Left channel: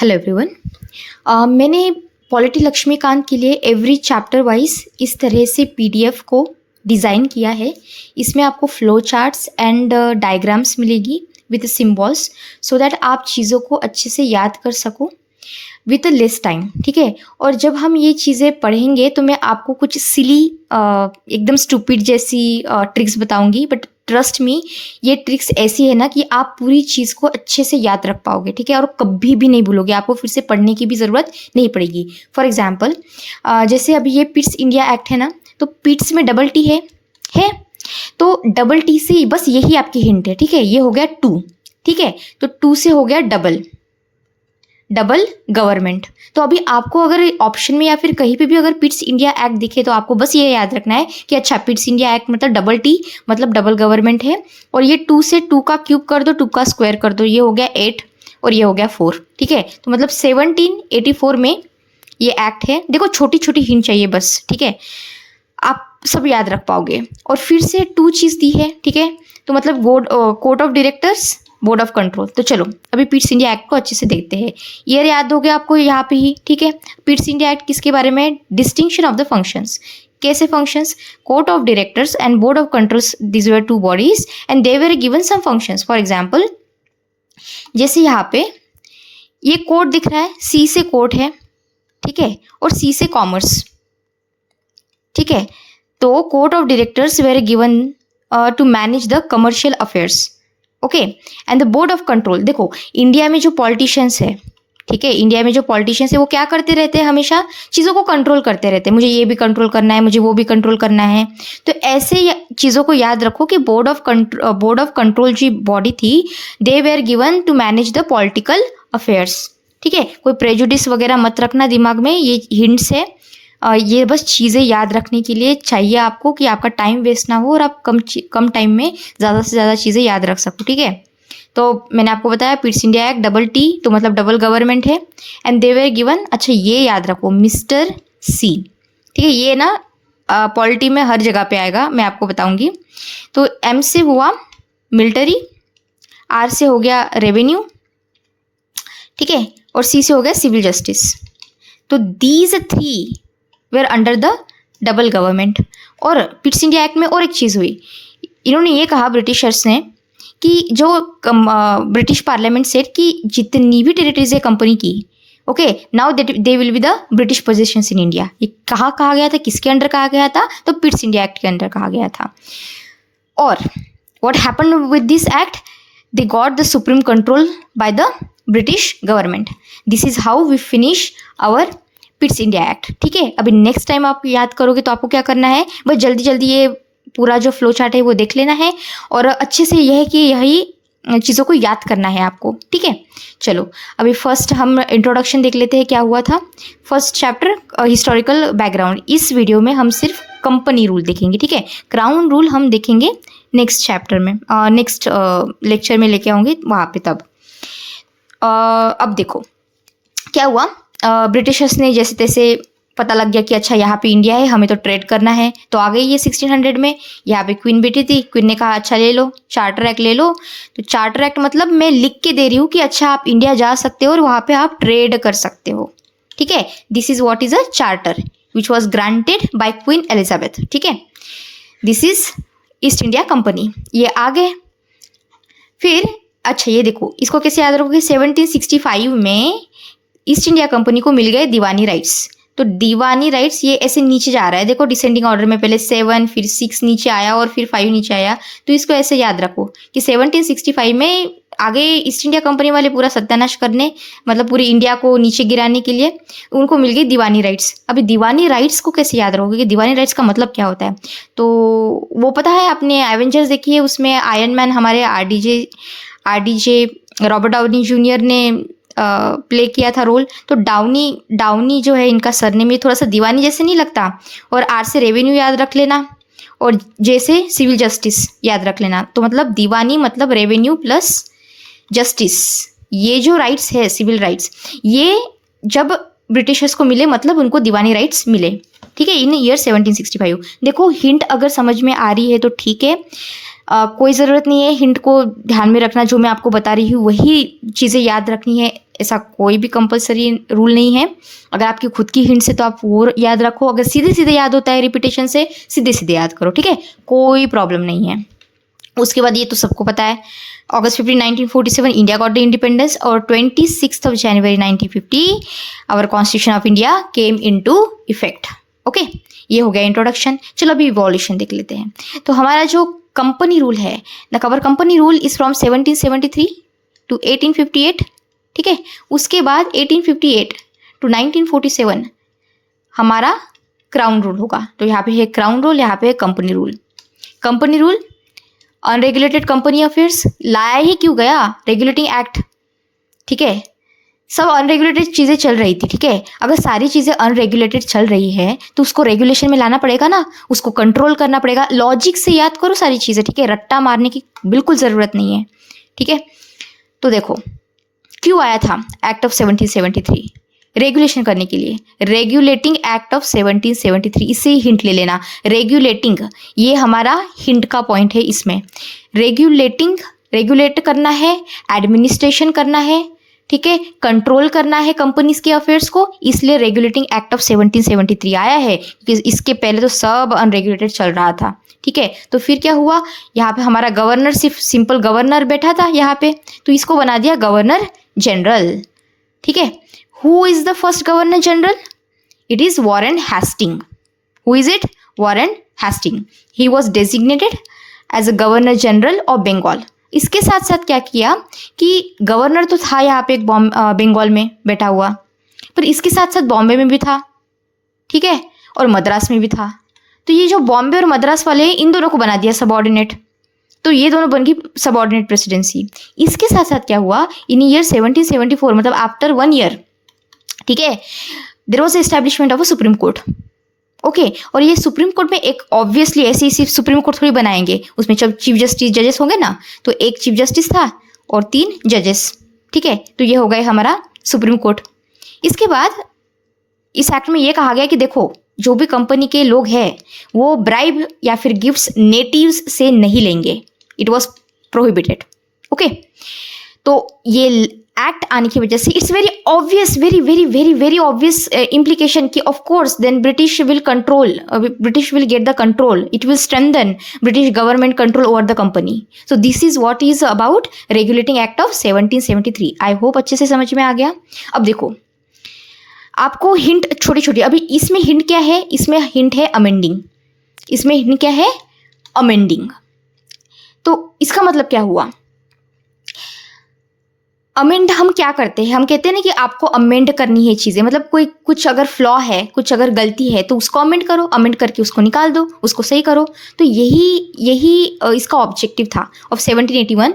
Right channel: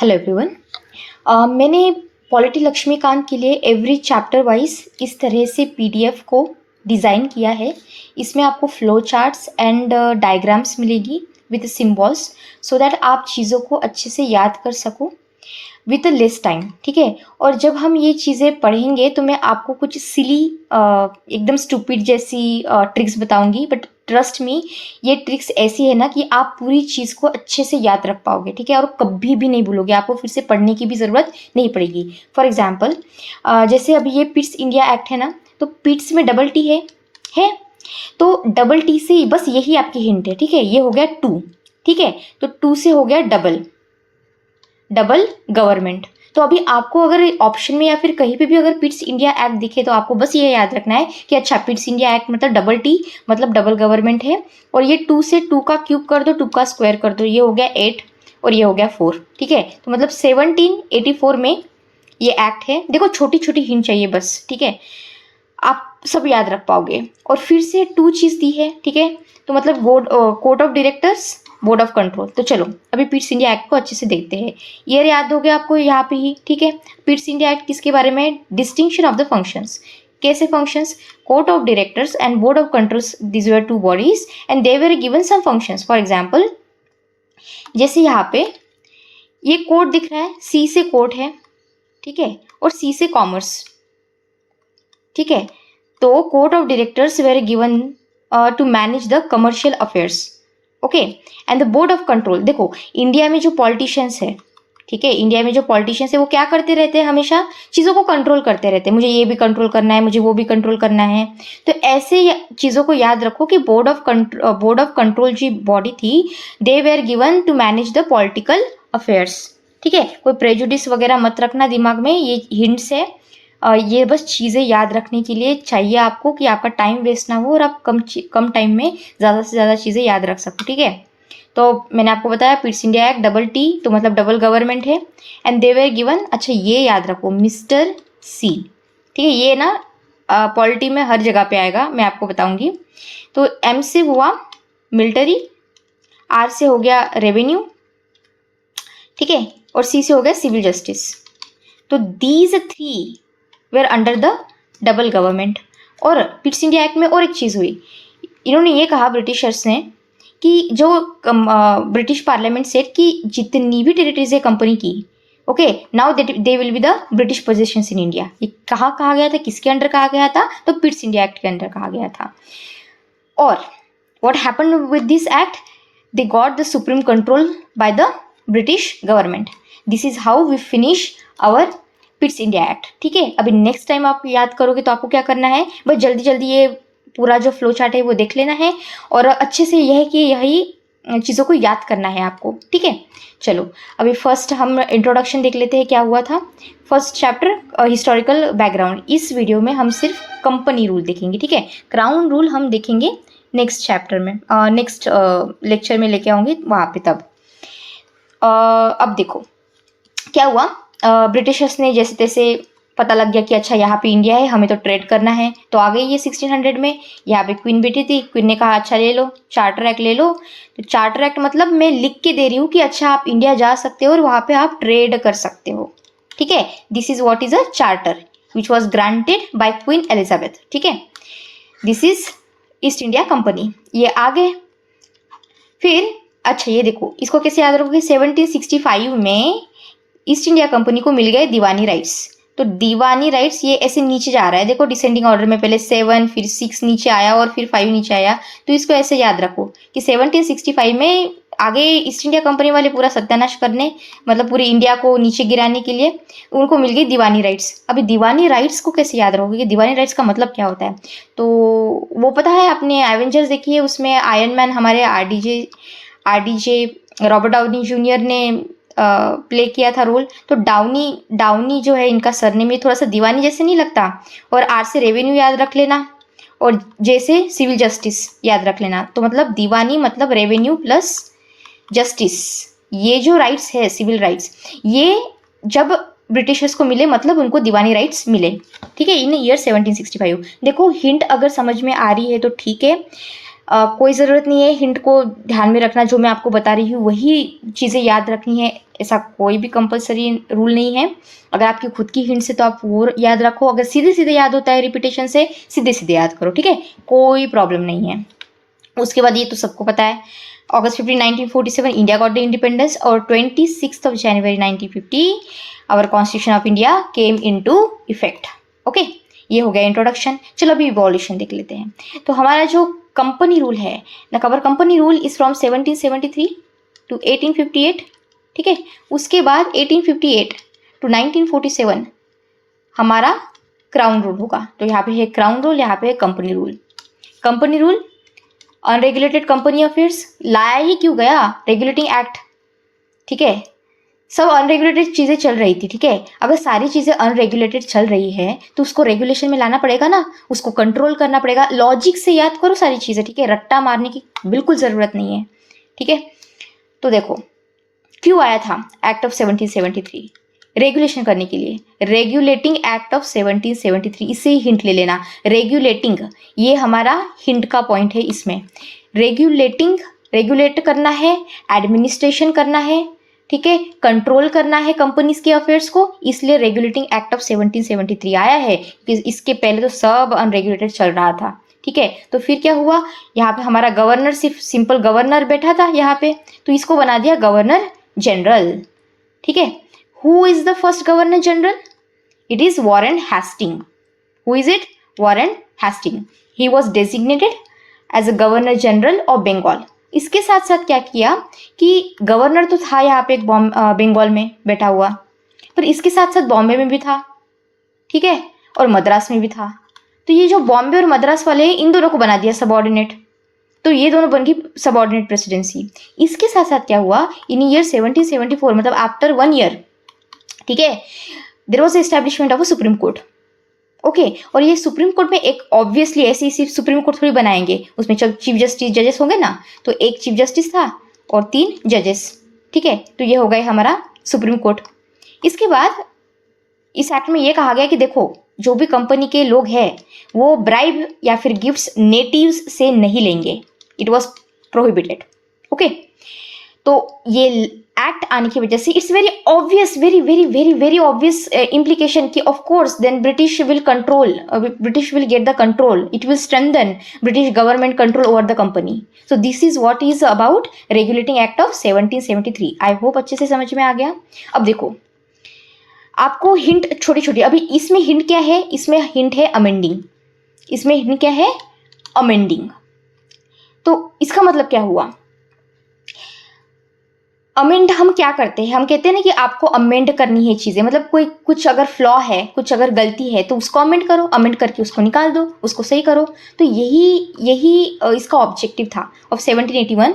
Hello everyone. मैंने polity Laxmikant के लिए एवरी चैप्टर वाइज इस तरह से पीडीएफ को डिज़ाइन किया है। इसमें आपको फ्लो चार्ट्स एंड डायग्राम्स मिलेगी विद सिंबल्स सो दैट आप चीज़ों को अच्छे से याद कर सको विथ लेस टाइम। ठीक है। और जब हम ये चीज़ें पढ़ेंगे तो मैं आपको कुछ सिली एकदम स्टूपिड जैसी ट्रिक्स बताऊंगी, बट ट्रस्ट मी ये ट्रिक्स ऐसी है ना कि आप पूरी चीज़ को अच्छे से याद रख पाओगे। ठीक है। और कभी भी नहीं भूलोगे, आपको फिर से पढ़ने की भी ज़रूरत नहीं पड़ेगी। फॉर एग्जाम्पल जैसे अभी ये पिट्स इंडिया एक्ट है ना, तो पिट्स में डबल टी है तो डबल टी से बस यही आपकी हिंट है। ठीक है। ये हो गया टू। ठीक है। तो टू से हो गया डबल गवर्नमेंट। तो अभी आपको अगर ऑप्शन में या फिर कहीं पे भी अगर पिट्स इंडिया एक्ट दिखे तो आपको बस ये याद रखना है कि अच्छा पिट्स इंडिया एक्ट मतलब डबल टी मतलब डबल गवर्नमेंट है। और ये टू से टू का क्यूब कर दो, टू का स्क्वायर कर दो, ये हो गया 8 और ये हो गया 4। ठीक है। तो मतलब 1784 में ये एक्ट है। देखो छोटी छोटी हिंट चाहिए बस। ठीक है। आप सब याद रख पाओगे। और फिर से टू चीज़ दी है। ठीक है। तो मतलब court of directors, board of control. तो चलो अभी पिट्स इंडिया एक्ट को अच्छे से देखते हैं। ईयर याद हो गया आपको यहाँ पे ही। ठीक है। पिट्स इंडिया एक्ट किसके बारे में? Distinction of the functions. कैसे functions? Court of directors and board of controls, this were two bodies and they were given some functions. For example जैसे यहाँ पे ये कोर्ट दिख रहा है, सी से कोर्ट है। ठीक है। और सी से कॉमर्स। ठीक है। तो court of directors were given to manage the commercial affairs. Okay. And the board of control, देखो इंडिया में जो पॉलिटिशियंस है, ठीक है, इंडिया में जो पॉलिटिशियंस है वो क्या करते रहते हैं? हमेशा चीज़ों को कंट्रोल करते रहते हैं। मुझे ये भी कंट्रोल करना है, मुझे वो भी कंट्रोल करना है। तो ऐसे चीज़ों को याद रखो कि बोर्ड ऑफ कंट्रोल जो बॉडी थी, they were given to manage the political affairs. ठीक है। कोई प्रेजुडिस वगैरह मत रखना दिमाग में, ये हिंट्स है। ये बस चीज़ें याद रखने के लिए चाहिए आपको कि आपका टाइम वेस्ट ना हो और आप कम टाइम में ज़्यादा से ज़्यादा चीज़ें याद रख सको। ठीक है। तो मैंने आपको बताया पिट्स इंडिया एक्ट डबल टी तो मतलब डबल गवर्नमेंट है। एंड दे वेर गिवन, अच्छा ये याद रखो, मिस्टर सी। ठीक है। ये ना पॉलिटी में हर जगह पे आएगा, मैं आपको बताऊंगी। तो एम से हुआ मिलिट्री, आर से हो गया रेवेन्यू। ठीक है। और सी से हो गया सिविल जस्टिस। तो these 3 were under the double government. और पिट्स इंडिया एक्ट में और एक चीज़ हुई, इन्होंने ये कहा ब्रिटिशर्स ने कि जो ब्रिटिश पार्लियामेंट सेट कि जितनी भी टेरिटरीज है कंपनी की, okay, now they will be the British possessions in India. ये कहाँ कहा गया था, किसके अंडर कहा गया था? तो पिट्स इंडिया एक्ट के अंडर कहा गया था। और what happened with this act, they got the supreme control by the British government. This is how we finish our Pitt's India act. ठीक है। अभी नेक्स्ट टाइम आप याद करोगे तो आपको क्या करना है, बस जल्दी जल्दी ये पूरा जो फ्लो चार्ट है वो देख लेना है और अच्छे से यह है कि यही चीज़ों को याद करना है आपको। ठीक है। चलो अभी फर्स्ट हम इंट्रोडक्शन देख लेते हैं क्या हुआ था। First chapter historical background. इस वीडियो में हम सिर्फ कंपनी रूल देखेंगे। ठीक है। क्राउन रूल हम देखेंगे नेक्स्ट चैप्टर में, नेक्स्ट लेक्चर में लेके आऊँगी वहाँ पे तब। अब देखो क्या हुआ। ब्रिटिशर्स ने जैसे तैसे पता लग गया कि अच्छा यहाँ पे इंडिया है, हमें तो ट्रेड करना है, तो आ गई ये 1600 में। यहाँ पे क्वीन बैठी थी, क्वीन ने कहा अच्छा ले लो चार्टर एक्ट ले लो। तो चार्टर एक्ट मतलब मैं लिख के दे रही हूँ कि अच्छा आप इंडिया जा सकते हो और वहाँ पे आप ट्रेड कर सकते हो। ठीक है। This is what is a charter which was granted by queen Elizabeth. ठीक है। This is east India company, ये आ गए। फिर अच्छा ये देखो, इसको कैसे याद रखोगे, 1765 में ईस्ट इंडिया कंपनी को मिल गए दीवानी राइट्स। तो दीवानी राइट्स ये ऐसे नीचे जा रहा है, देखो डिसेंडिंग ऑर्डर में, पहले 7 फिर 6 नीचे आया और फिर 5 नीचे आया। तो इसको ऐसे याद रखो कि 1765 में आगे ईस्ट इंडिया कंपनी वाले पूरा सत्यानाश करने, मतलब पूरी इंडिया को नीचे गिराने के लिए उनको मिल गई दीवानी राइट्स। अभी दीवानी राइट्स को कैसे याद रखोगे कि दीवानी राइट्स का मतलब क्या होता है? तो वो पता है आपने एवेंजर्स देखी है, उसमें आयरन मैन हमारे आरडीजे रॉबर्ट डाउनी जूनियर ने प्ले किया था रोल। तो डाउनी जो है इनका सरनेम में थोड़ा सा दीवानी जैसे नहीं लगता? और आर से रेवेन्यू याद रख लेना और जे से सिविल जस्टिस याद रख लेना। तो मतलब दीवानी मतलब रेवेन्यू प्लस जस्टिस। ये जो राइट्स है सिविल राइट्स, ये जब ब्रिटिशर्स को मिले मतलब उनको दीवानी राइट्स मिले। ठीक है। इन ईयर 1765। देखो हिंट अगर समझ में आ रही है तो ठीक है, कोई ज़रूरत नहीं है हिंट को ध्यान में रखना, जो मैं आपको बता रही हूँ वही चीज़ें याद रखनी है। ऐसा कोई भी कंपलसरी रूल नहीं है। अगर आपकी खुद की हिंट से तो आप वो याद रखो, अगर सीधे सीधे याद होता है रिपीटेशन से सीधे सीधे याद करो, ठीक है, कोई प्रॉब्लम नहीं है। उसके बाद ये तो सबको पता है, August 15, 1947 India got the independence और 26 जनवरी 1950 our constitution of India came into effect. Okay, ये हो गया इंट्रोडक्शन। चलो अभी इवोल्यूशन देख लेते हैं। तो हमारा जो कंपनी रूल है, the cover company rule is from 1773 to 1858, ठीक है। उसके बाद 1858 टू 1947 हमारा क्राउन रूल होगा। तो यहाँ पे है क्राउन रूल, यहाँ पे है company rule. Company rule unregulated company affairs लाया ही क्यों गया, रेगुलेटिंग एक्ट, ठीक है। सब अनरेगुलेटेड चीज़ें चल रही थी, ठीक है। अगर सारी चीज़ें अनरेगुलेटेड चल रही है तो उसको रेगुलेशन में लाना पड़ेगा ना, उसको कंट्रोल करना पड़ेगा। लॉजिक से याद करो सारी चीज़ें, ठीक है, रट्टा मारने की बिल्कुल ज़रूरत नहीं है, ठीक है। तो देखो क्यों आया था एक्ट ऑफ 1773, रेगुलेशन करने के लिए, रेगुलेटिंग एक्ट ऑफ 1773, इससे ही हिंट ले लेना। रेगुलेटिंग ये हमारा हिंट का पॉइंट है इसमें। रेगुलेटिंग, रेगुलेट करना है, एडमिनिस्ट्रेशन करना है, ठीक है, कंट्रोल करना है कंपनीज के अफेयर्स को, इसलिए रेगुलेटिंग एक्ट ऑफ 1773 आया है, क्योंकि इसके पहले तो सब अनरेगुलेटेड चल रहा था, ठीक है। तो फिर क्या हुआ, यहाँ पे हमारा गवर्नर सिर्फ सिंपल गवर्नर बैठा था यहाँ पे, तो इसको बना दिया गवर्नर जनरल, ठीक है। Who is the first governor general, it is Warren Hasting. Who is it, Warren Hasting. He was designated as a governor general of Bengal. इसके साथ साथ क्या किया कि गवर्नर तो था यहाँ पे एक बंगाल में बैठा हुआ, पर इसके साथ साथ बॉम्बे में भी था, ठीक है, और मद्रास में भी था। तो ये जो बॉम्बे और मद्रास वाले हैं, इन दोनों को बना दिया सबऑर्डिनेट, तो ये दोनों बन गई सबऑर्डिनेट प्रेसिडेंसी। इसके साथ साथ क्या हुआ, इन ईयर 1774 मतलब आफ्टर 1 ईयर, ठीक है, there was establishment of a supreme court. Okay, और ये सुप्रीम कोर्ट में एक ऑब्वियसली ऐसे ही सिर्फ सुप्रीम कोर्ट थोड़ी बनाएंगे, उसमें जब चीफ जस्टिस जजेस होंगे ना, तो एक चीफ जस्टिस था और 3 जजेस, ठीक है। तो ये हो गए हमारा सुप्रीम कोर्ट। इसके बाद इस एक्ट में ये कहा गया कि देखो जो भी कंपनी के लोग हैं वो ब्राइब या फिर गिफ्ट्स नेटिव्स से नहीं लेंगे, इट वॉज प्रोहिबिटेड। ओके, तो ये एक्ट आने की वजह से it's very obvious, very very very very obvious implication कि of course then British will control, British will get the control, it will strengthen British government control over the company. So this is what is about regulating act of 1773। I hope अच्छे से समझ में आ गया। अब देखो आपको hint छोटी छोटी, अभी इसमें हिंट क्या है, इसमें हिंट है अमेंडिंग, इसमें हिंट क्या है, अमेंडिंग। तो इसका मतलब क्या हुआ, अमेंड हम क्या करते हैं, हम कहते हैं ना कि आपको अमेंड करनी है चीज़ें, मतलब कोई कुछ अगर फ्लॉ है, कुछ अगर गलती है तो उसको अमेंड करो, अमेंड करके उसको निकाल दो, उसको सही करो। तो यही इसका ऑब्जेक्टिव था ऑफ 1781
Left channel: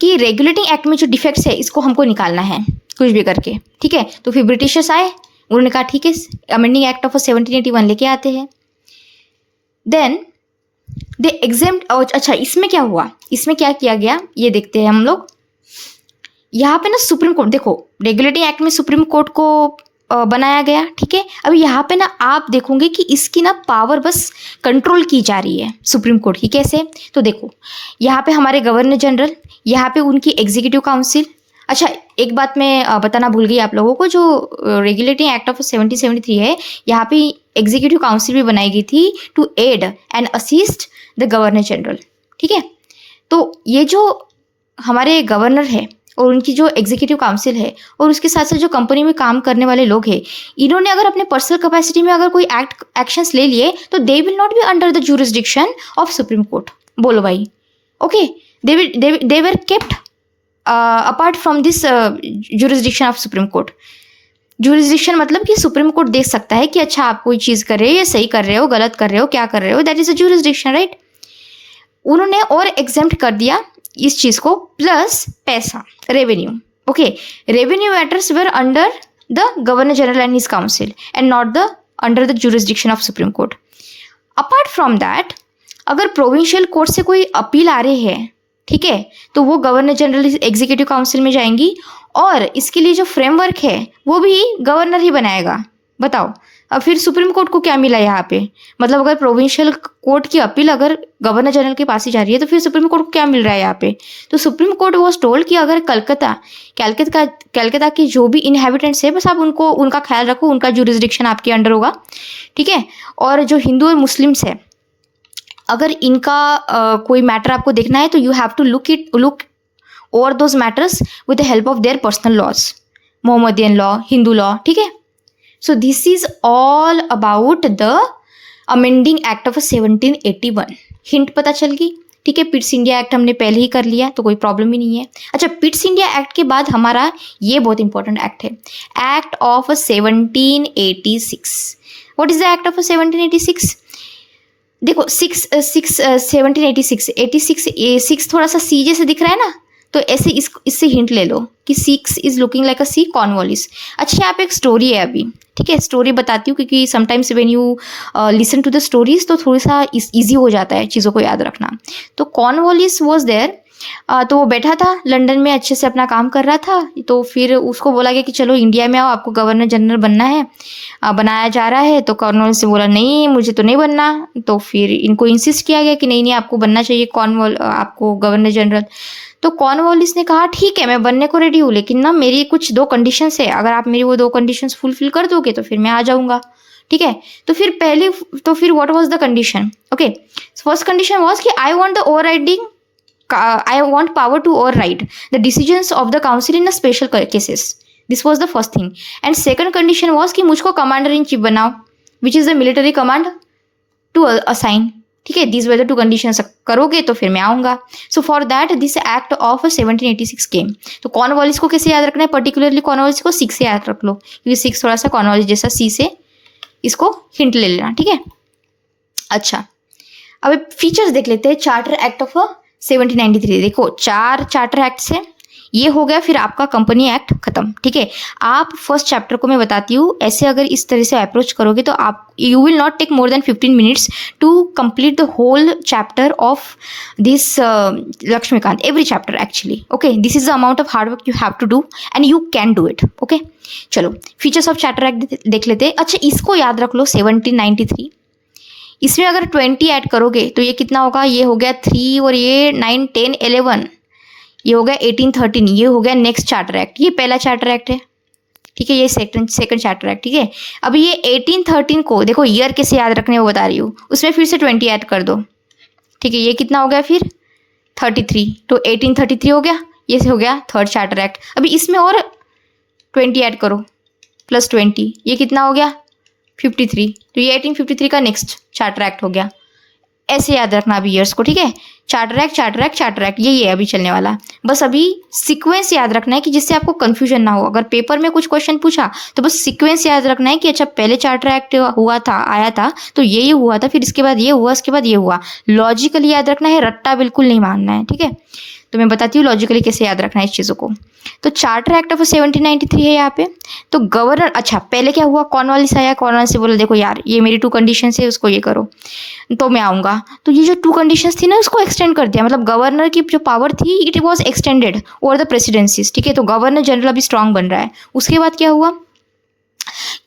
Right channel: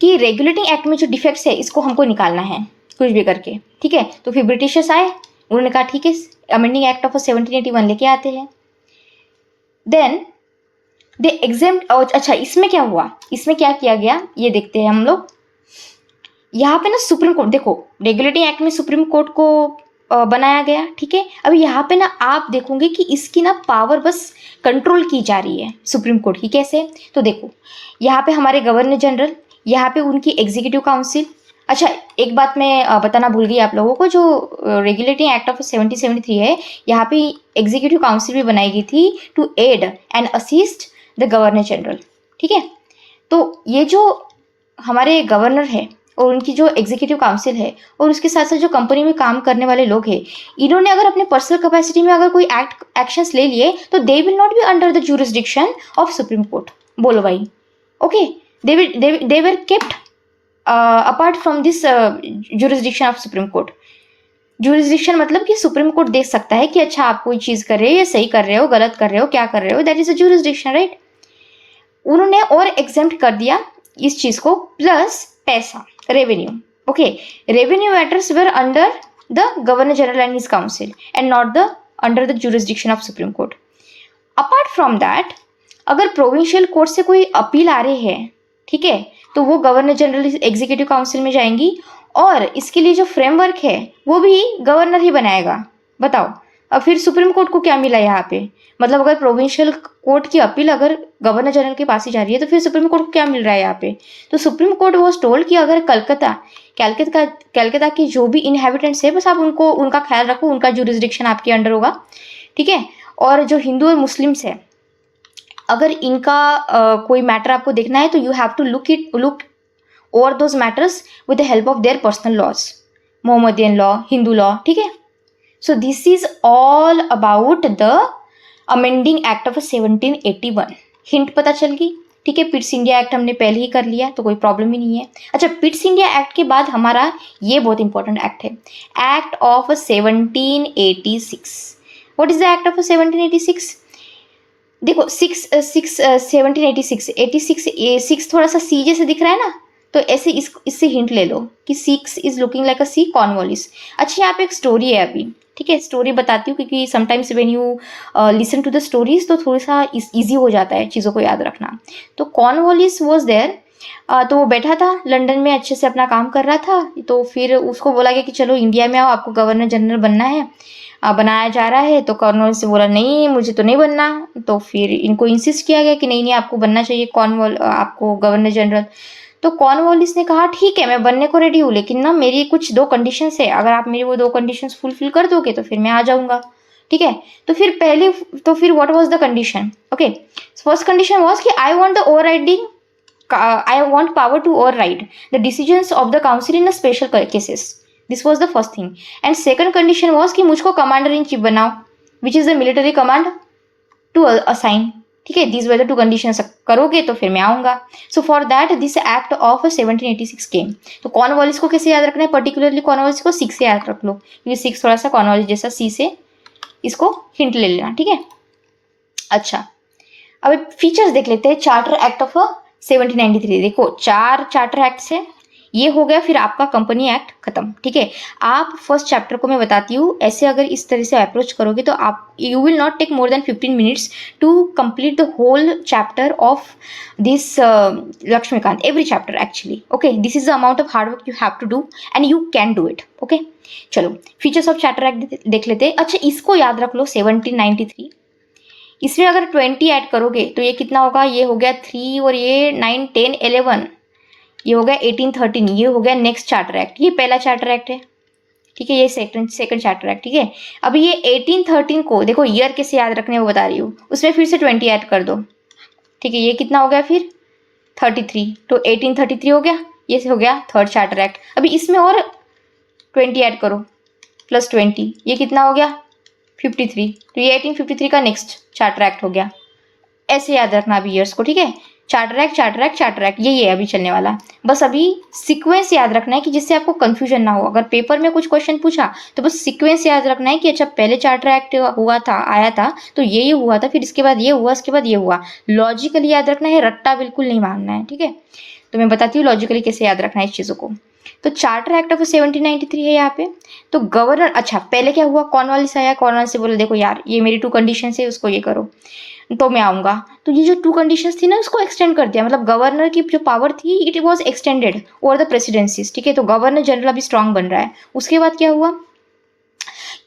कि रेगुलेटिंग एक्ट में जो डिफेक्ट्स है इसको हमको निकालना है कुछ भी करके, ठीक है। तो फिर ब्रिटिशर्स आए, उन्होंने कहा ठीक है अमेंडिंग एक्ट ऑफ 1781 लेके आते हैं। देन दे एग्जेम्प्ट, अच्छा इसमें क्या हुआ, इसमें क्या किया गया ये देखते हैं हम लोग। यहाँ पे ना सुप्रीम कोर्ट, देखो रेगुलेटिंग एक्ट में सुप्रीम कोर्ट को बनाया गया, ठीक है। अभी यहाँ पे ना आप देखोगे कि इसकी ना पावर बस कंट्रोल की जा रही है सुप्रीम कोर्ट की। कैसे, तो देखो यहाँ पे हमारे गवर्नर जनरल, यहाँ पे उनकी एग्जीक्यूटिव काउंसिल। अच्छा एक बात मैं बताना भूल गई आप लोगों को, जो रेगुलेटिंग एक्ट ऑफ 1773 है, यहाँ पे एग्जीक्यूटिव काउंसिल भी बनाई गई थी to aid and assist the governor general, ठीक है। तो ये जो हमारे गवर्नर है और उनकी जो एग्जीक्यूटिव काउंसिल है और उसके साथ साथ जो कंपनी में काम करने वाले लोग हैं, इन्होंने अगर अपने पर्सनल कैपेसिटी में अगर कोई एक्शंस ले लिए तो they will not be under the jurisdiction of supreme court. बोलो भाई, okay, they were kept apart from this jurisdiction of supreme court. Jurisdiction मतलब कि सुप्रीम कोर्ट देख सकता है कि अच्छा आप कोई चीज़ कर रहे हो, या सही कर रहे हो, गलत कर रहे हो, क्या कर रहे हो, that is a jurisdiction, right. उन्होंने और एग्जेम्प्ट कर दिया इस चीज़ को, प्लस पैसा, revenue. Okay, revenue matters were under the governor general and his council and not the under the jurisdiction of supreme court. Apart from that अगर provincial court से कोई अपील आ रही है, ठीक है, तो वो गवर्नर जनरल एग्जीक्यूटिव काउंसिल में जाएंगी और इसके लिए जो फ्रेमवर्क है वो भी गवर्नर ही बनाएगा। बताओ, अब फिर सुप्रीम कोर्ट को क्या मिला यहाँ पे, मतलब अगर प्रोविंशियल कोर्ट की अपील अगर गवर्नर जनरल के पास ही जा रही है तो फिर सुप्रीम कोर्ट को क्या मिल रहा है यहाँ पे, तो सुप्रीम कोर्ट वॉज टोल्ड कि अगर कलकत्ता के जो भी इनहेबिटेंट्स है बस आप उनको उनका ख्याल रखो, उनका जुरिस्डिक्शन आपके अंडर होगा, ठीक है। और जो हिंदू और मुस्लिम्स है अगर इनका कोई मैटर आपको देखना है तो you have to look over those matters with the help of their personal laws, Mohammedan law, Hindu law, ठीक है। So this is all about the amending act of 1781। Hint पता चल गई, ठीक है। पिट्स इंडिया एक्ट हमने पहले ही कर लिया तो कोई प्रॉब्लम ही नहीं है। अच्छा, पिट्स इंडिया एक्ट के बाद हमारा ये बहुत इंपॉर्टेंट एक्ट है, act of 1786। What is the act of 1786? देखो 1786 थोड़ा सा सी जैसे दिख रहा है ना, तो ऐसे इससे हिंट ले लो कि 6 is looking like a C, Cornwallis. अच्छा, यहाँ पे एक स्टोरी है अभी, ठीक है। स्टोरी बताती हूँ क्योंकि sometimes when you listen to the stories तो थोड़ा सा ईजी हो जाता है चीज़ों को याद रखना। तो कॉर्नवालिस वॉज देयर, तो वो बैठा था लंदन में, अच्छे से अपना काम कर रहा था। तो फिर उसको बोला गया कि चलो इंडिया में आओ, आपको गवर्नर जनरल बनना है, बनाया जा रहा है। तो कॉर्नवालिस से बोला नहीं, मुझे तो नहीं बनना। तो फिर इनको इंसिस्ट किया गया कि नहीं नहीं आपको बनना चाहिए आपको गवर्नर जनरल। तो कॉर्नवालिस ने कहा ठीक है मैं बनने को रेडी हूँ, लेकिन ना मेरी कुछ 2 कंडीशंस है, अगर आप मेरी वो 2 कंडीशंस फुलफिल कर दोगे तो फिर मैं आ जाऊँगा, ठीक है। तो फिर what was the condition? Okay, first condition was कि आई want power to override the decisions of the council in a special cases. This was the first thing. And second condition was कि मुझको commander in chief बनाओ, which is the military command to assign, ठीक है। These were the 2 conditions, करोगे तो फिर मैं आऊँगा। So for that this act of 1786 came. तो कॉर्नवालिस को कैसे याद रखना है? पर्टिकुलरली कॉर्नवालिस को 6 से याद रख लो, क्योंकि 6 थोड़ा सा कॉर्नवालिस जैसा, C से इसको हिंट ले लेना, ठीक है। अच्छा, अब फीचर्स देख लेते हैं चार्टर एक्ट ऑफ 1793। देखो 4 चार्टर एक्ट्स हैं, ये हो गया, फिर आपका कंपनी एक्ट खत्म, ठीक है। आप फर्स्ट चैप्टर को मैं बताती हूँ, ऐसे अगर इस तरह से अप्रोच करोगे तो आप you will not take more than 15 minutes to complete the whole chapter of this Laxmikanth, every chapter actually, okay. This is the amount of hard work you have to do and you can do it, okay. चलो features of charter act देख लेते हैं। अच्छा, इसको याद रख लो 1793। इसमें अगर 20 ऐड करोगे तो ये कितना होगा? ये हो गया 3 और ये 9, 10, 11, ये हो गया 1813, ये हो गया नेक्स्ट चार्टर एक्ट। ये पहला चार्टर एक्ट है, ठीक है, ये सेकंड चार्टर एक्ट, ठीक है। अभी ये 1813 को देखो ईयर कैसे याद रखने वो बता रही हूँ, उसमें फिर से 20 ऐड कर दो, ठीक है। ये कितना हो गया फिर 33, तो 1833 हो गया, ये हो गया थर्ड चार्टर एक्ट। अभी इसमें और 20 ऐड करो प्लस 20, ये कितना हो गया 53, तो ये 1853 का नेक्स्ट चार्टर एक्ट हो गया। ऐसे याद रखना अभी ईयर्स को, ठीक है। चार्टर एक्ट ये अभी चलने वाला। बस अभी सीक्वेंस याद रखना है कि जिससे आपको कंफ्यूजन ना हो। अगर पेपर में कुछ क्वेश्चन पूछा तो बस सीक्वेंस याद रखना है कि अच्छा पहले चार्टर एक्ट आया था तो ये हुआ था, फिर इसके बाद ये हुआ, इसके बाद ये हुआ। लॉजिकली याद रखना है, रट्टा बिल्कुल नहीं मानना है, ठीक है। तो मैं बताती हूँ लॉजिकली कैसे याद रखना है इस चीज़ों को। तो चार्टर एक्ट ऑफ 1793 है यहाँ पे। तो गवर्नर, अच्छा पहले क्या हुआ, कॉर्नवालिस आया, कॉर्नवालिस से बोला देखो यार ये मेरी 2 कंडीशन है, उसको ये करो तो मैं आऊँगा। तो ये जो 2 कंडीशंस थी ना उसको एक्सटेंड कर दिया, मतलब गवर्नर की जो पावर थी it was extended over the presidencies, ठीक है। तो गवर्नर जनरल अभी स्ट्रांग बन रहा है। उसके बाद क्या हुआ,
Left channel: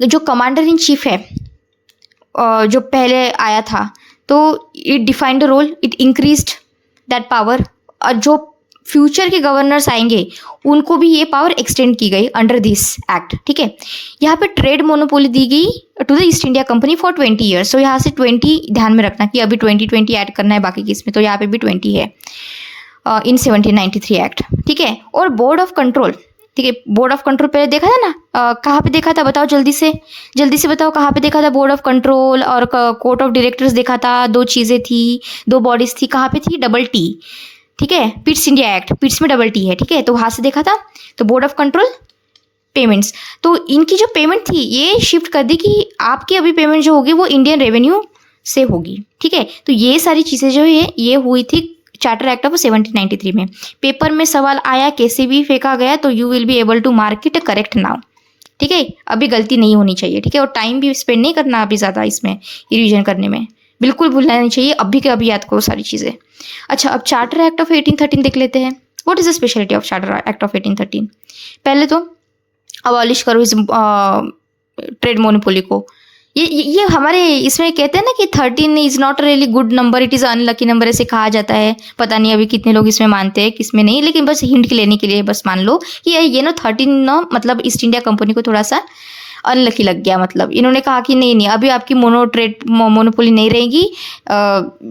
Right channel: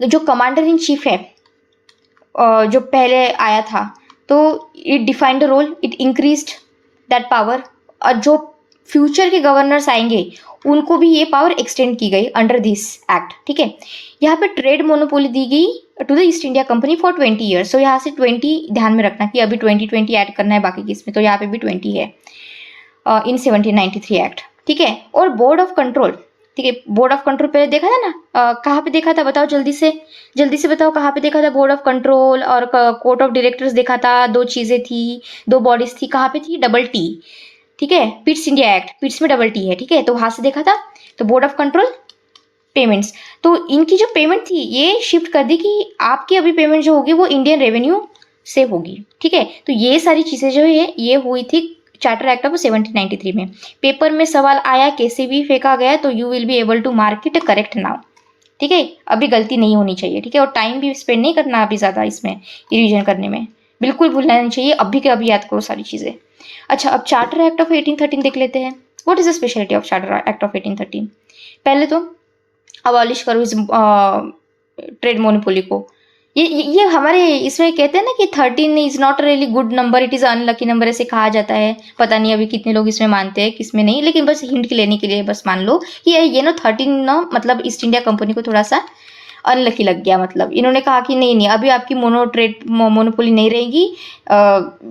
जो कमांडर इन चीफ है जो पहले आया था, तो it defined the role, it increased that power. और जो फ्यूचर के गवर्नर्स आएंगे उनको भी ये पावर एक्सटेंड की गई अंडर दिस एक्ट, ठीक है। यहाँ पे ट्रेड मोनोपोली दी गई to the East India company for 20 years. So यहाँ से 20 ध्यान में रखना कि अभी 20 ऐड करना है बाकी केस में, तो यहाँ पे भी 20 है इन 1793 एक्ट, ठीक है। और बोर्ड ऑफ कंट्रोल, ठीक है। बोर्ड ऑफ कंट्रोल पहले देखा था ना, कहाँ पे देखा था बताओ, जल्दी से बताओ कहाँ पे देखा था बोर्ड ऑफ कंट्रोल और कोर्ट ऑफ डायरेक्टर्स देखा था। 2 चीज़ें थी, 2 बॉडीज थी, कहाँ पे थी, डबल टी, ठीक है। पिट्स इंडिया एक्ट, पिट्स में डबल टी है, ठीक है, तो वहाँ से देखा था। तो बोर्ड ऑफ कंट्रोल पेमेंट्स, तो इनकी जो पेमेंट थी ये शिफ्ट कर दी कि आपकी अभी पेमेंट जो होगी वो इंडियन रेवेन्यू से होगी, ठीक है। तो ये सारी चीज़ें जो है ये हुई थी चार्टर एक्ट ऑफ 1793 में। पेपर में सवाल आया, कैसे भी फेंका गया, तो you will be able to mark it correct now, ठीक है। अभी गलती नहीं होनी चाहिए, ठीक है। और टाइम भी स्पेंड नहीं करना अभी ज़्यादा इसमें रिविजन करने में, बिल्कुल भूलना नहीं चाहिए, अभी के अभी याद करो सारी चीज़ें। अच्छा, अब चार्टर एक्ट ऑफ 1813 देख लेते हैं। What is the speciality of charter act of 1813? पहले तो अबॉलिश करो इस ट्रेड मोनोपोली को, ये हमारे इसमें कहते हैं ना कि 13 is not really good number, it is unlucky number, ऐसे कहा जाता है। पता नहीं अभी कितने लोग इसमें मानते हैं किसमें नहीं, लेकिन बस हिंट के लेने के लिए बस मान लो कि ये ना 13 ना मतलब ईस्ट इंडिया कंपनी को थोड़ा सा अनलकी लग गया। मतलब इन्होंने कहा कि नहीं नहीं अभी आपकी मोनोपोली नहीं रहेगी।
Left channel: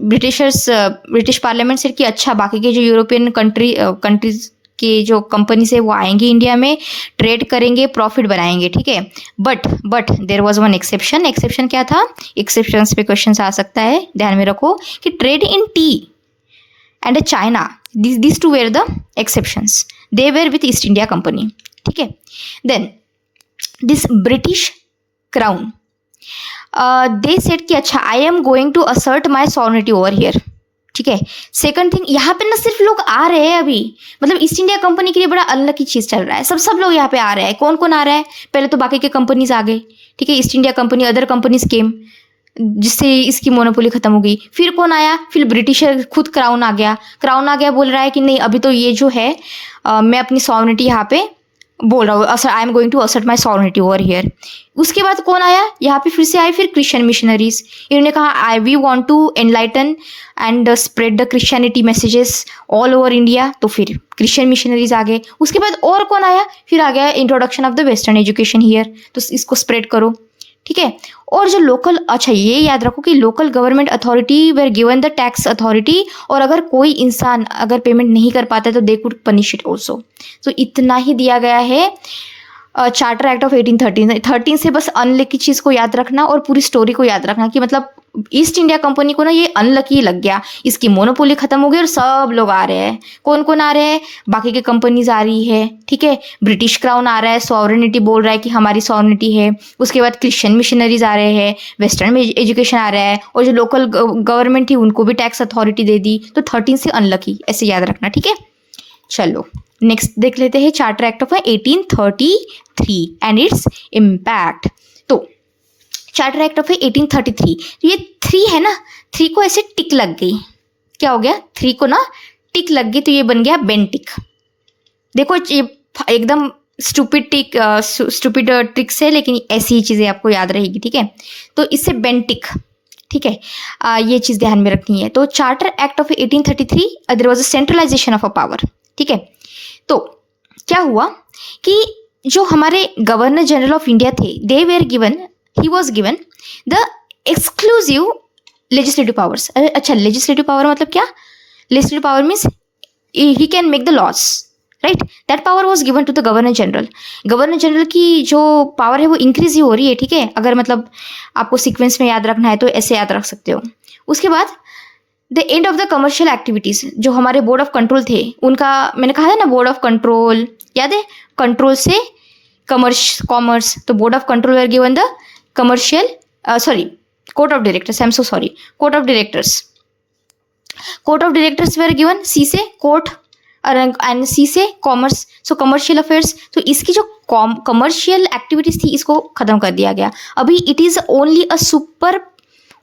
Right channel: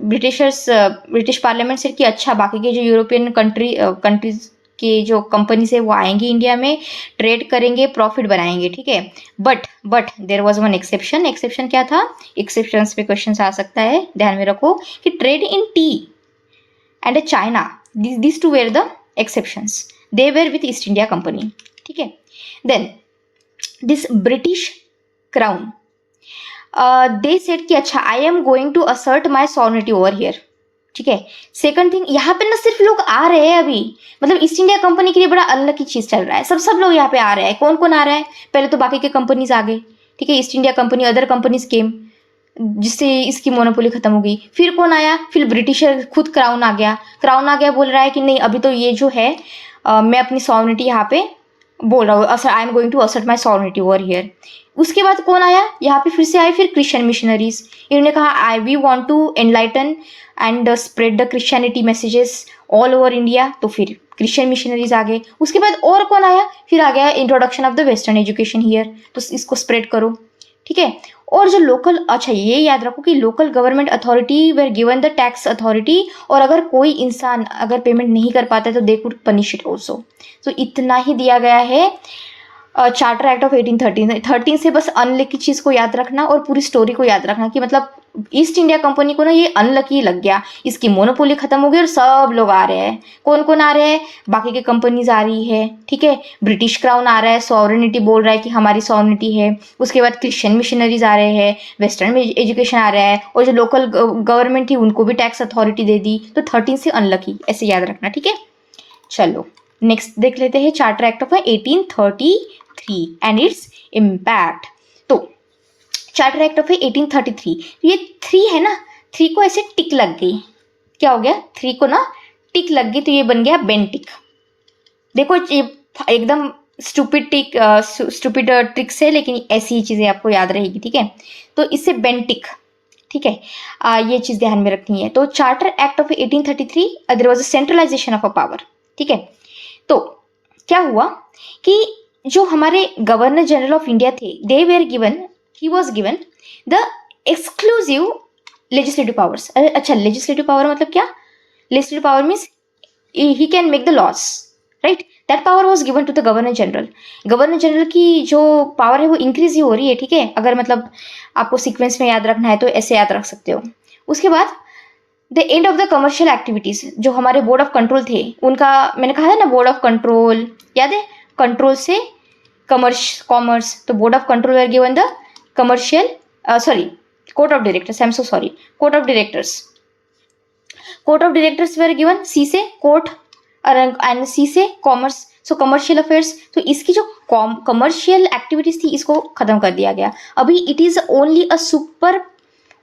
ब्रिटिश पार्लियामेंट से कि अच्छा बाकी के जो यूरोपियन कंट्रीज के जो कंपनीज है वो आएंगी इंडिया में, ट्रेड करेंगे, प्रॉफिट बनाएंगे, ठीक है। But there was one exception. Exception क्या था? एक्सेप्शंस पे क्वेश्चन आ सकता है, ध्यान में रखो कि trade in tea and China, these two were the exceptions, they were with East India Company, ठीक है। Then this British Crown they said कि अच्छा I am going to assert my sovereignty over here, ठीक है। Second thing, यहाँ पे ना सिर्फ लोग आ रहे हैं अभी, मतलब ईस्ट इंडिया कंपनी के लिए बड़ा अनलकी चीज चल रहा है, सब लोग यहाँ पे आ रहे हैं। कौन कौन आ रहा है? पहले तो बाकी के कंपनीज आ गए, ठीक है, East India company, other companies came, जिससे इसकी मोनोपोली खत्म हो गई। फिर कौन आया? फिर ब्रिटिशर खुद क्राउन आ गया। क्राउन आ गया बोल रहा है कि नहीं अभी तो ये जो है मैं अपनी सॉवरेनिटी यहाँ पे बोल रहा हूँ, I am going to assert my sovereignty over here. उसके बाद कौन आया? यहाँ पे फिर से आए फिर क्रिश्चियन मिशनरीज। इन्होंने कहा I we want to enlighten and spread the Christianity messages all over India, तो फिर क्रिश्चियन मिशनरीज आ गए। उसके बाद और कौन आया? फिर आ गया introduction of the western education here, तो इसको स्प्रेड करो, ठीक है। और जो लोकल, अच्छा ये याद रखो कि local government authority were given the tax authority, और अगर कोई इंसान अगर पेमेंट नहीं कर पाता है तो they could punish it also. तो इतना ही दिया गया है चार्टर एक्ट ऑफ 1813 से। बस अनलकी चीज़ को याद रखना और पूरी स्टोरी को याद रखना कि मतलब ईस्ट इंडिया कंपनी को ना ये अनलकी लग गया, इसकी मोनोपोली खत्म हो गई और सब लोग आ रहे हैं। कौन कौन आ रहे हैं? बाकी के कंपनीज आ रही है, ठीक है, ब्रिटिश क्राउन आ रहा है, सॉवरेनिटी बोल रहा है कि हमारी सॉवरेनिटी है। उसके बाद क्रिश्चियन मिशनरीज आ रहे हैं, वेस्टर्न एजुकेशन आ रहा है, और जो लोकल गवर्नमेंट थी उनको भी टैक्स अथॉरिटी दे दी। तो 13 से अनलकी, ऐसे याद रखना, ठीक है। चलो नेक्स्ट देख लेते हैं charter act of 1833 and its impact. तो चार्टर एक्ट ऑफ 1833, ये 3 है ना, 3 को ऐसे टिक लग गई। क्या हो गया? 3 को ना टिक लग गई, तो ये बन गया बेन टिक। देखो ये एकदम स्टूपिड स्टूपिड ट्रिक्स है, लेकिन ऐसी ही चीज़ें आपको याद रहेगी, ठीक है। तो इससे बेन टिक, ठीक है, ये चीज़ ध्यान में रखनी है। तो charter act of 1833 there was a centralisation of a power, ठीक है। तो क्या हुआ कि जो हमारे गवर्नर जनरल ऑफ इंडिया थे, they were given, he was given the exclusive legislative powers. अच्छा, लेजिस्लेटिव पावर मतलब क्या? Legislative power means he can make the laws, right. That power was given to the governor general. Governor general की जो power है वो increase ही हो रही है, ठीक है। अगर मतलब आपको सीक्वेंस में याद रखना है तो ऐसे याद रख सकते हो। उसके बाद the end of the commercial activities, जो हमारे बोर्ड ऑफ कंट्रोल थे उनका, मैंने कहा था ना बोर्ड ऑफ कंट्रोल, याद है, कंट्रोल से कॉमर्स, तो board of control were given the commercial court of directors, I am so sorry, court of directors were given सी से कोर्ट एंड सी से कॉमर्स, सो कमर्शियल अफेयर्स। तो इसकी जो कमर्शियल एक्टिविटीज थी इसको खत्म कर दिया गया। अभी it is only and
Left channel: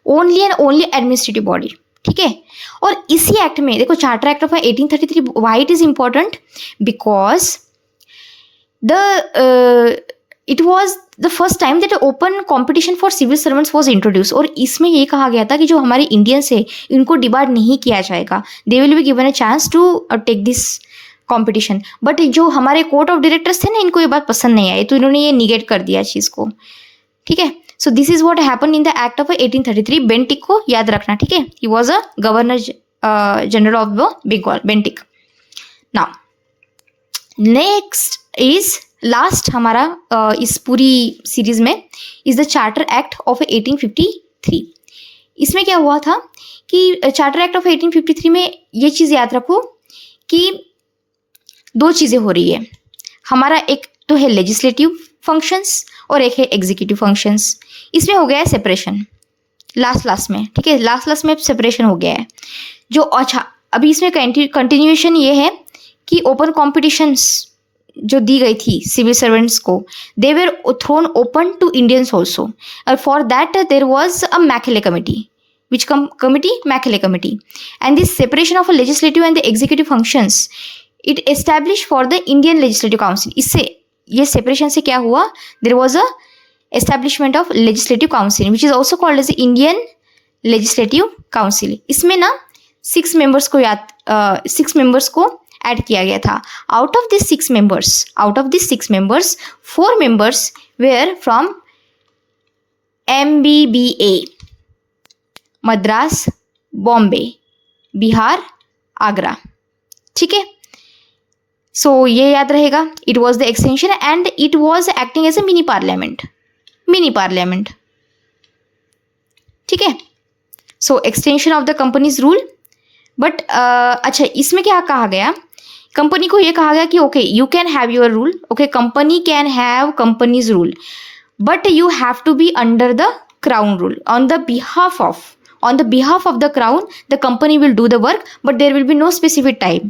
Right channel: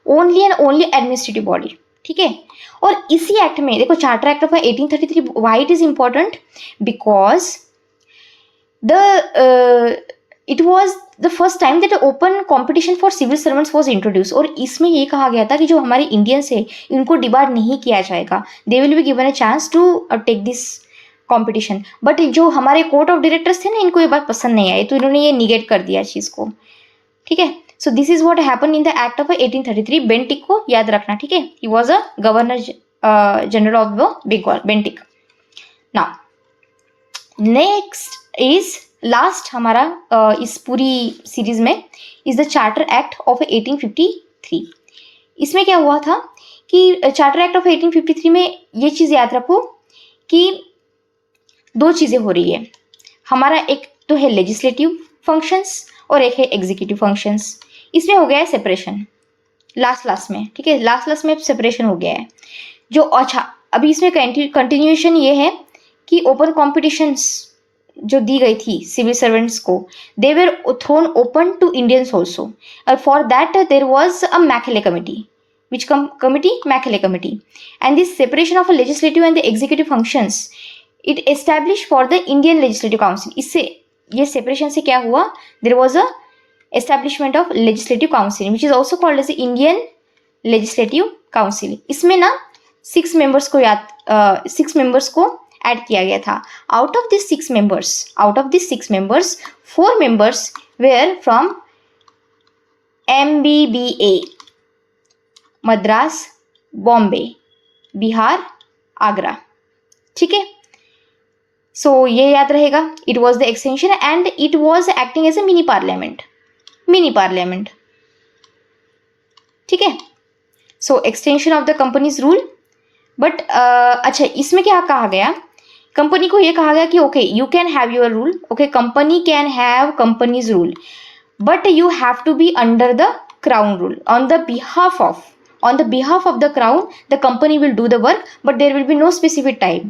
only administrative body, ठीक है। और इसी एक्ट में देखो, charter act of 1833, why it is important? Because it was the first time that open competition for civil servants was introduce. और इसमें ये कहा गया था कि जो हमारे इंडियंस है इनको डिबार्ड नहीं किया जाएगा, they will be given a chance to take this competition. But जो हमारे कोर्ट ऑफ डायरेक्टर्स थे ना, इनको ये बात पसंद नहीं आई, तो इन्होंने ये निगेट कर दिया चीज़ को, ठीक है। So this is what happen in the act of 1833। Bentinck को याद रखना, ठीक है, he was a governor general of the Bengal, Bentinck. Now next is last हमारा इस पूरी सीरीज में is the charter act of 1853। इसमें क्या हुआ था कि चार्टर एक्ट ऑफ 1853 में ये चीज़ याद रखो कि 2 चीज़ें हो रही है हमारा, एक तो है लेजिस्लेटिव फंक्शंस और एक है एग्जीक्यूटिव फंक्शंस। इसमें हो गया है सेपरेशन लास्ट में, ठीक है, लास्ट में सेपरेशन हो गया है। जो अच्छा अभी इसमें कंटिन्यूएशन ये है कि ओपन कॉम्पिटिशन्स जो दी गई थी सिविल सर्वेंट्स को, they were thrown open to Indians also, और for that there was a Macaulay committee, which committee? Macaulay committee. And this separation of a legislative and the executive functions, it established for the Indian Legislative Council. इससे ये separation से क्या हुआ? There was a establishment of legislative council which is also called as Indian legislative council. इसमें ना 6 members को add किया गया था। Out of this 6 members 4 members were from MBBA, Madras, Bombay, Bihar, Agra. ठीक है, सो ये याद रहेगा। It was the extension and it was acting as a mini parliament. ठीक है, so extension of the companies rule. But अच्छा, इसमें क्या कहा गया, कंपनी को ये कहा गया कि okay you can have your rule, okay company can have companies rule, but you have to be under the crown rule. On the behalf of the crown, the company will do the work, but there will be no specified time.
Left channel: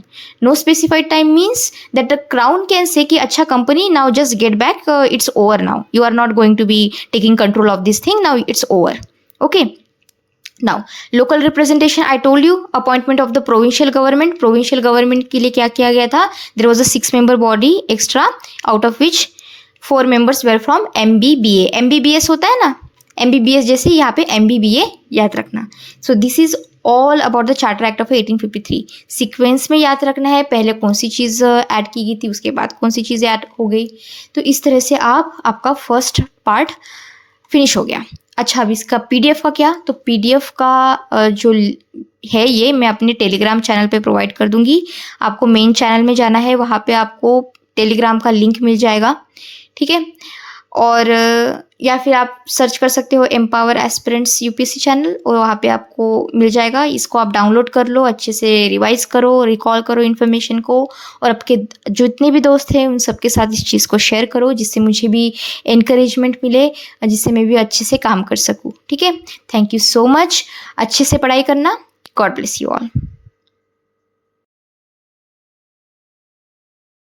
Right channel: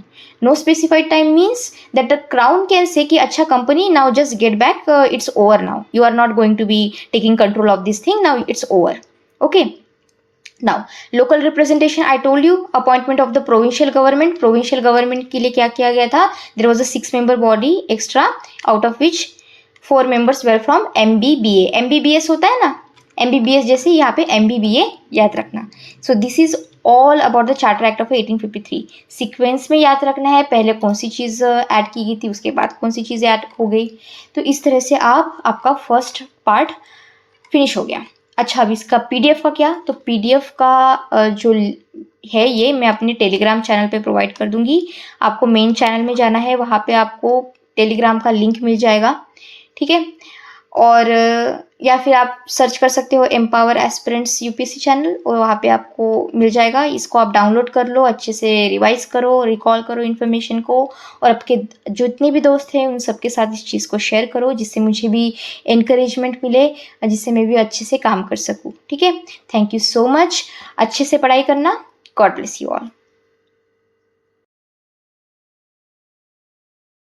No specified time means that the crown can say कि अच्छा company now just get back, it's over now. You are not going to be taking control of this thing now. It's over. Okay. Now local representation, I told you appointment of the provincial government. Provincial government के लिए क्या किया गया था? There was a 6-member body extra, out of which 4 members were from MBBA. MBBS होता है ना, MBBS जैसे यहाँ पे MBBA याद रखना। सो this is all about the charter act of 1853। Sequence में याद रखना है, पहले कौन सी चीज़ ऐड की गई थी, उसके बाद कौन सी चीज़ ऐड हो गई। तो इस तरह से आपका फर्स्ट पार्ट फिनिश हो गया। अच्छा, अब इसका PDF का क्या, तो PDF का जो है ये मैं अपने टेलीग्राम चैनल पे प्रोवाइड कर दूंगी। आपको मेन चैनल में जाना है, वहाँ पे आपको टेलीग्राम का लिंक मिल जाएगा। ठीक है, और या फिर आप सर्च कर सकते हो एम्पावर एस्पिरेंट्स UPSC चैनल, और वहाँ पे आपको मिल जाएगा। इसको आप डाउनलोड कर लो, अच्छे से रिवाइज करो, रिकॉल करो इन्फॉर्मेशन को, और आपके जितने भी दोस्त हैं उन सबके साथ इस चीज़ को शेयर करो, जिससे मुझे भी एनकरेजमेंट मिले, जिससे मैं भी अच्छे से काम कर सकूँ। ठीक है, थैंक यू सो मच। अच्छे से पढ़ाई करना। God bless you all.